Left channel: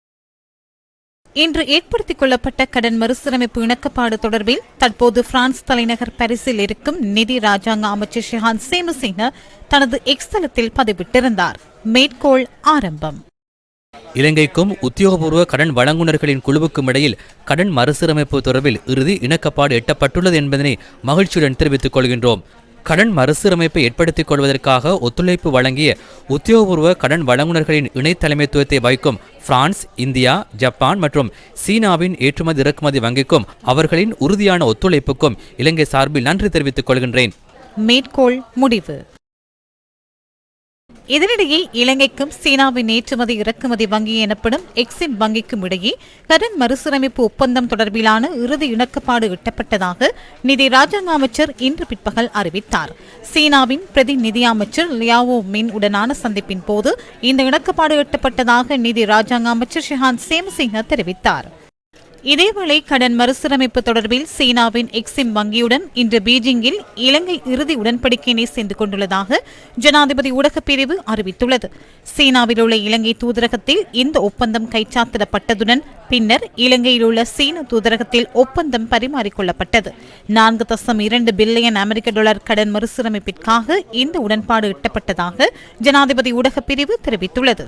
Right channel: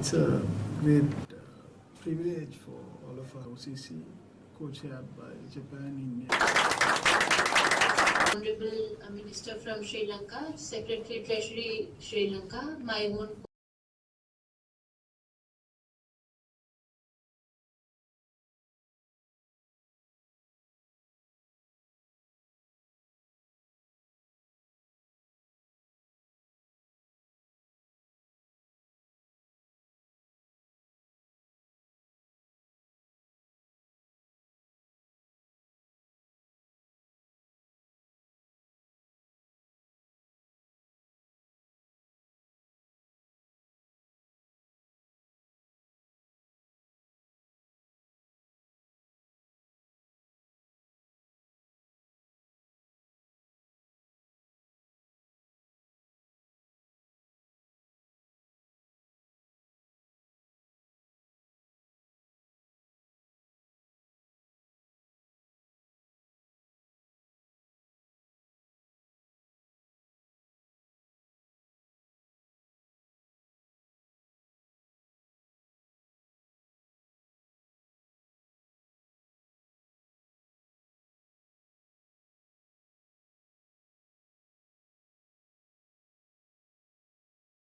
uh, இன்று ஏற்படுத்திக் கொள்ளப்பட்ட கடன் மறுசீரமைப்பு இணக்கப்பாடு தொடர்பில் தற்போது பிரான்ஸ் தலைநகர் பாரிஸில் இருக்கும் நிதி ராஜாங்க அமைச்சர் ஷிஹான் சேமசிங்க தனது எக்ஸ் தளத்தில் பதிவிட்டிருந்தார். மேற்கோள் ஆரம்பம். இலங்கைக்கும் உத்தியோகபூர்வ கடன் வழங்குனர்களின் குழுவுக்கும் இடையில் கடன் மறுசீரமைப்பு தொடர்பில் இறுதி இணக்கப்பாடு எட்டப்பட்டுள்ளது என்பதனை மகிழ்ச்சியுடன் தெரிவித்துக் கொள்கின்றோம். கடன் மறுசீரமைப்பை ஏற்படுத்திக் கொள்வதற்காக ஒத்துழைப்பு வழங்கிய உத்தியோகபூர்வ கடன் வழங்குனர்களின் இணை தலைமைத்துவத்தை வகிக்கும் பிரான்ஸ் இந்தியா ஜப்பான் மற்றும் சீனாவின் ஏற்றுமதி இறக்குமதி வங்கிக்கும் அவர்களின் உறுதியான ஒத்துழைப்புக்கும் இலங்கை சார்பில் நன்றி தெரிவித்துக் கொள்கின்றேன். மேற்கோள் முடிவு. இதனிடையே இலங்கைக்கும் சீனாவின் ஏற்றுமதி இறக்குமதி வங்கி எனப்படும் எக்ஸிம் வங்கிக்கும் இடையே கடன் மறுசீரமைப்பு ஒப்பந்தம் தொடர்பிலான இறுதி இணக்கப்பாடு எட்டப்பட்டதாக நிதி ராஜாங்க அமைச்சர் இன்று பிற்பகல் அறிவித்தார். சீனாவின் பிரதி நிதி அமைச்சர் லியாவோ மின் உடனான சந்திப்பின் போது இந்த இணக்கப்பாடு எட்டப்பட்டதாக நிதி ராஜாங்க அமைச்சர் ஷிஹான் சேம்சிங்க தெரிவித்தார். இதேவேளை கடன் மறுசீரமைப்பு தொடர்பில் சீனாவின் எக்ஸிம் வங்கியுடன் இன்று பீஜிங்கில் இலங்கை இறுதி உடன்படிக்கையினை சென்று கொண்டுள்ளதாக ஜனாதிபதி ஊடகப் பிரிவு அறிவித்துள்ளது. சீனாவில் உள்ள இலங்கை தூதரகத்தில் இந்த ஒப்பந்தம் கைச்சாத்திடப்பட்டதுடன் பின்னர் இலங்கையில் உள்ள சீன தூதரகத்தில் ஒப்பந்தம் பரிமாறிக்கொள்ளப்பட்டது. நான்கு தசம் இரண்டு பில்லியன் அமெரிக்க டாலர் கடன் மறுசீரமைப்பிற்காக இந்த உடன்பாடு எட்டப்பட்டதாக ஜனாதிபதி ஊடகப் பிரிவு தெரிவித்துள்ளது.